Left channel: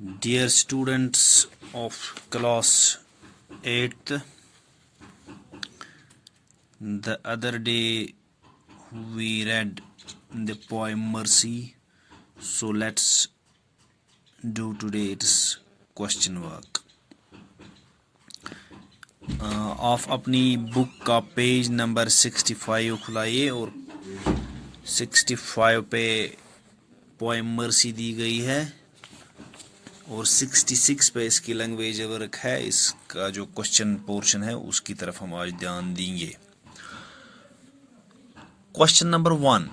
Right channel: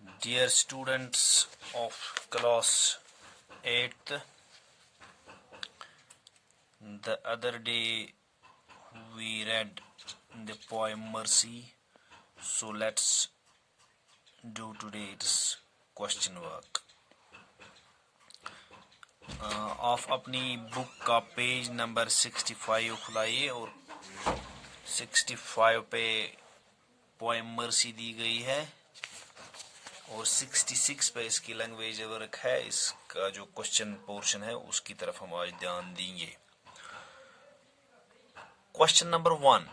Dear students of class 8th, the other day we read the poem Mercy, so let's do today its question work. आप अपनी book का page number 65 खुलाइए और 65 पे poem mercy दी गई है और 66 पे इसकी लैंग्वेज वर्क है। इसका जो क्वेश्चन पोर्शन है उसकी तरफ हम आज ध्यान देंगे। Question number 1,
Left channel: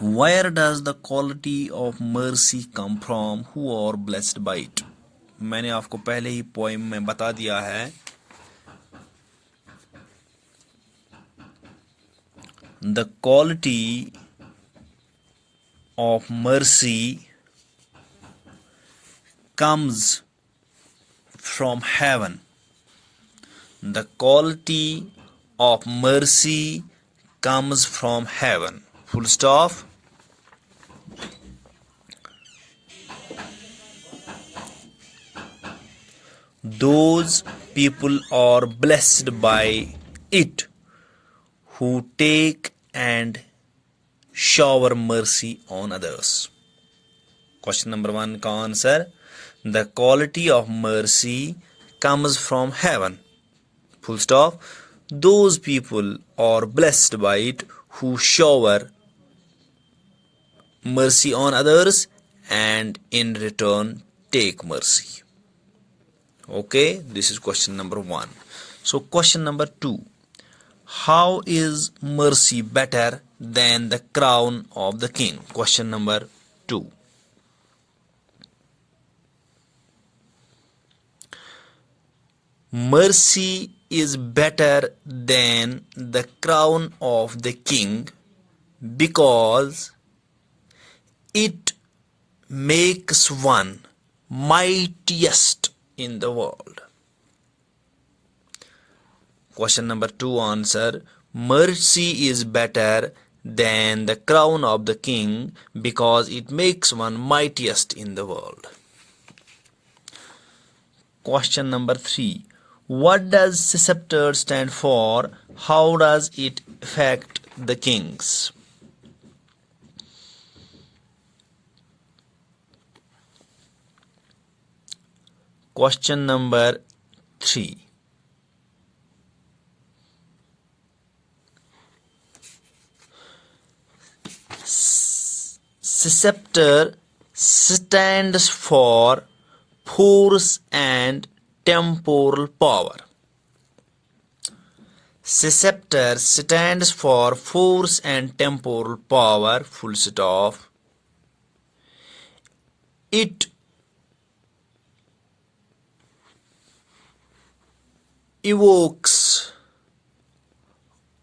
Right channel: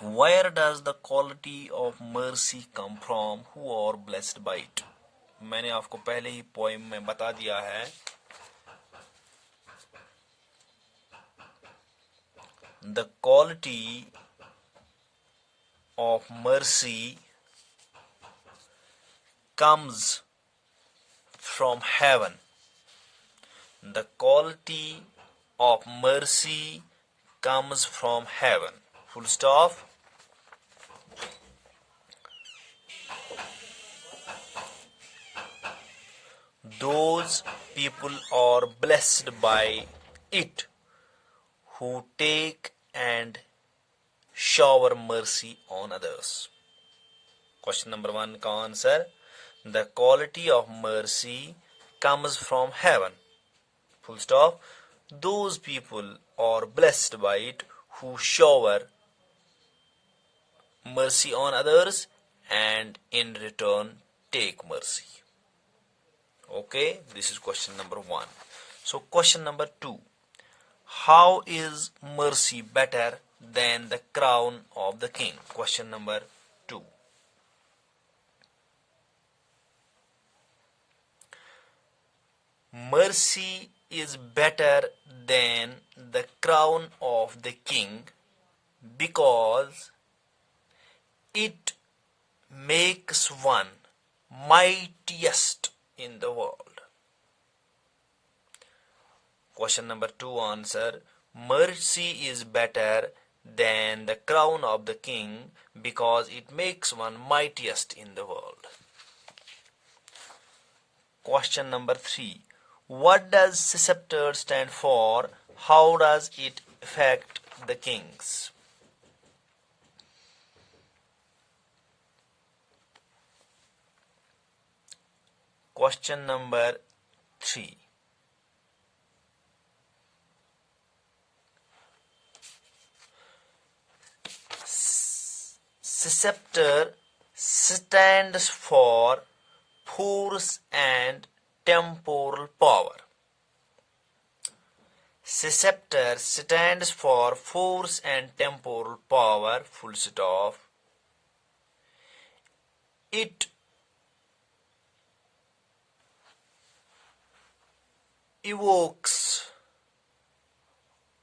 Where does the quality of mercy come from? Who are blessed by it? मैंने आपको पहले ही पोएम में बता दिया है। The quality of mercy comes from heaven. The quality of mercy comes from heaven. Full stop. Those people are blessed by it who take and shower mercy on others. Question number 1 का answer, the quality of mercy comes from heaven. Full stop. Those people are blessed by it who shower mercy on others and in return take mercy. Okay, this is question number 1. So question number 2, how is mercy better than the crown of the king? Question number 2. Mercy is better than the crown of the king because it makes one mightiest in the world. Question number 2 answer, mercy is better than the crown of the king because it makes one mightiest in the world. Question number 3, what does scepter stand for? How does it affect the kings? Question number 3, scepter stands for force and temporal power. Scepter stands for force and temporal power. Full stop. It evokes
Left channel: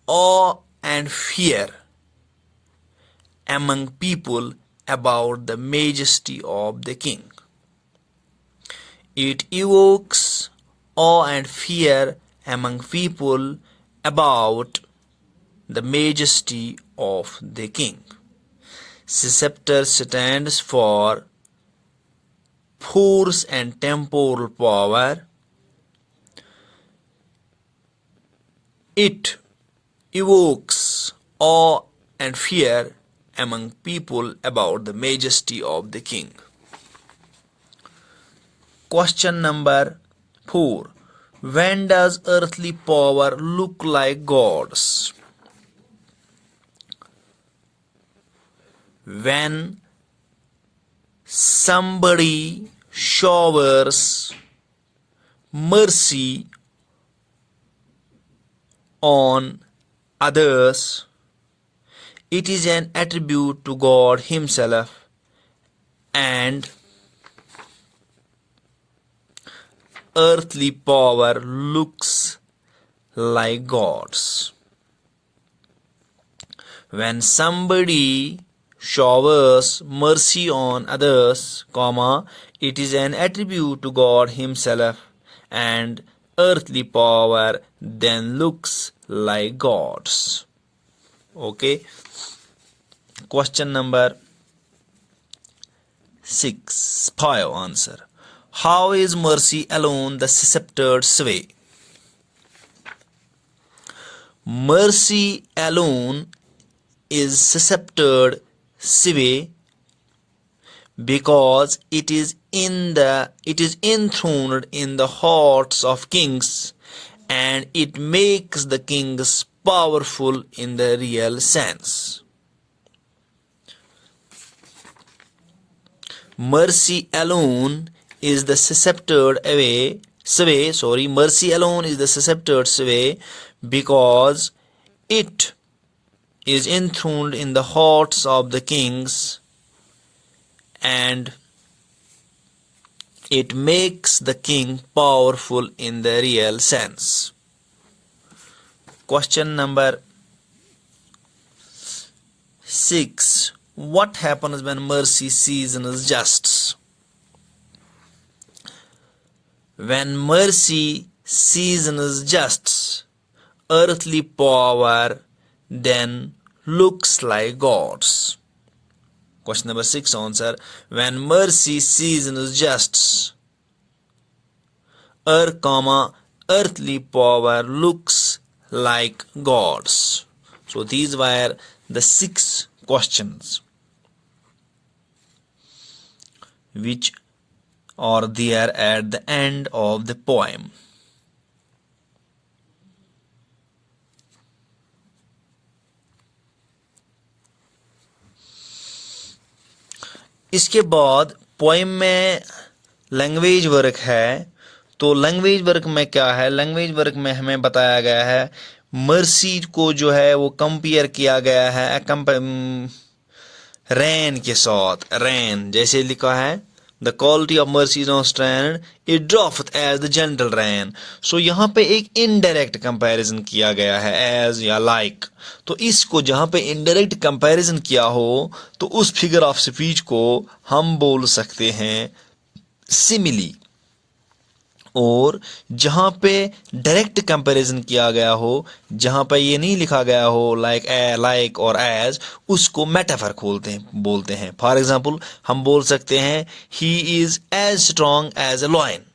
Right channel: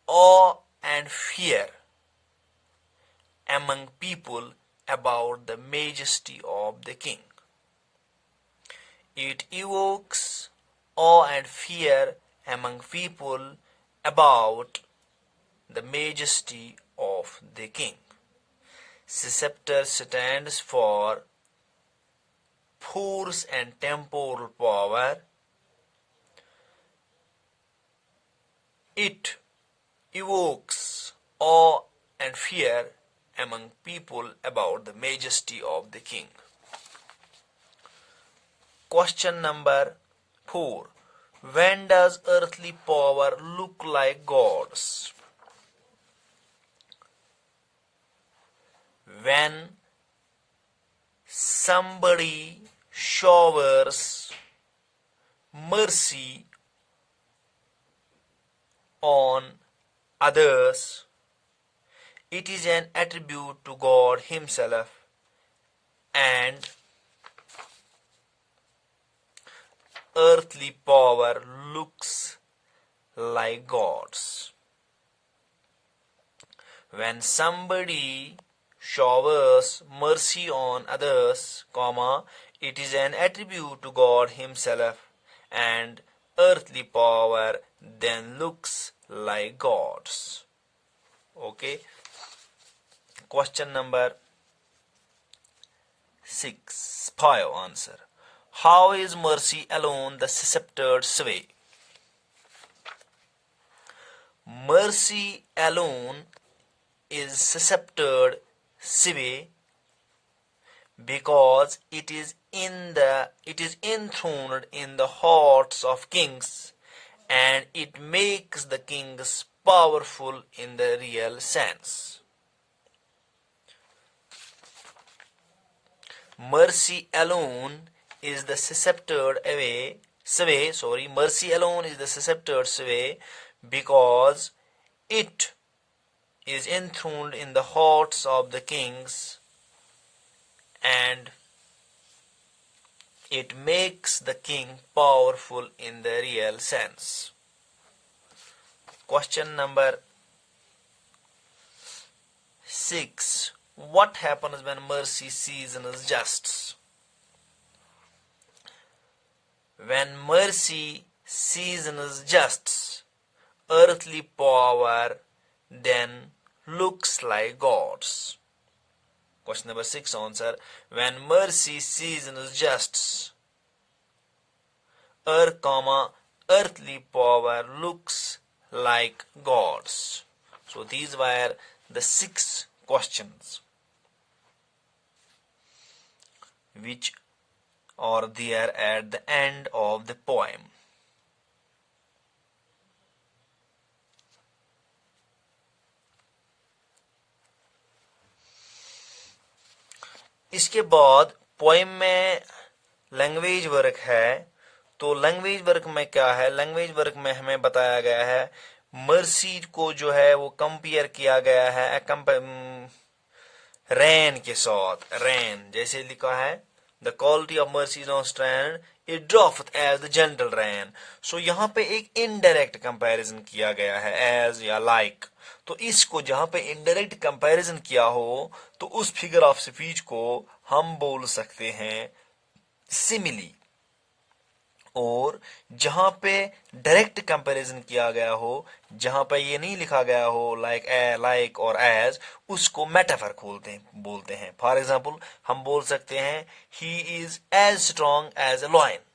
awe and fear among people about the majesty of the king. It evokes awe and fear among people about the majesty of the king. Scepter stands for force and temporal power. It evokes awe and fear among people about the majesty of the king. Question number 4, when does earthly power look like God's? When somebody showers mercy on others, it is an attribute to God Himself and earthly power looks like God's. When somebody showers mercy on others, it is an attribute to God Himself and earthly power then looks like God's. Okay. Question number 6. 5 answer. How is mercy alone the sceptered sway? Mercy alone is sceptered sway because it is enthroned in the hearts of kings, and it makes the kings powerful in the real sense. Mercy alone is the sceptered sway. Mercy alone is the sceptered sway because it is enthroned in the hearts of the kings, and it makes the king powerful in the real sense. Question number 6. What happens when mercy seasons justice? When mercy seasons justice, earthly power then looks like God's. Question number 6 answer. When mercy seasons justice, earthly power looks like God's. So these were the 6 questions which are there at the end of the poem. इसके बाद poem में language work है। तो language work में क्या है? Language work में हमें बताया गया है मर्सी को जो है वो कंपेयर किया गया है रैन के साथ। रैन जैसे लिखा है the quality of mercy unstrained it drops as the general rain. So यहाँ पे एक इनडायरेक्ट कंपैरिजन किया गया है एज या लाइक। तो इसको जहाँ पे इनडायरेक्ट कंपैरिजन किया हो तो उस फिगर ऑफ स्पीच को हम बोल सकते हैं सिमिली। और जहाँ पे डायरेक्ट कंपैरिजन किया गया हो, जहाँ पे ये नहीं लिखा गया हो लाइक और एज, उसको मेटाफर बोलते हैं। फॉर एग्जांपल हम बोल सकते हैं he is as strong as a lion.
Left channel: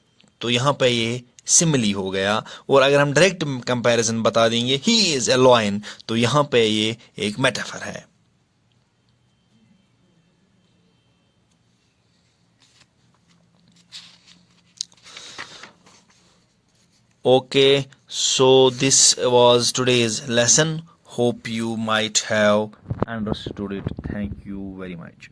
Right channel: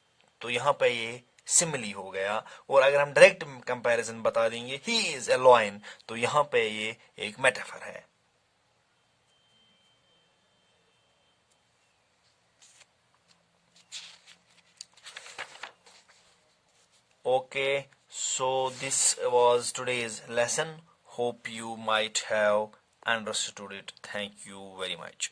तो यहाँ पे ये सिमिली हो गया। और अगर हम डायरेक्ट कंपैरिजन बता देंगे ही इज अ लॉयन, तो यहाँ पे ये एक मेटाफर है। Okay, so this was today's lesson. Hope you might have understood it. Thank you very much.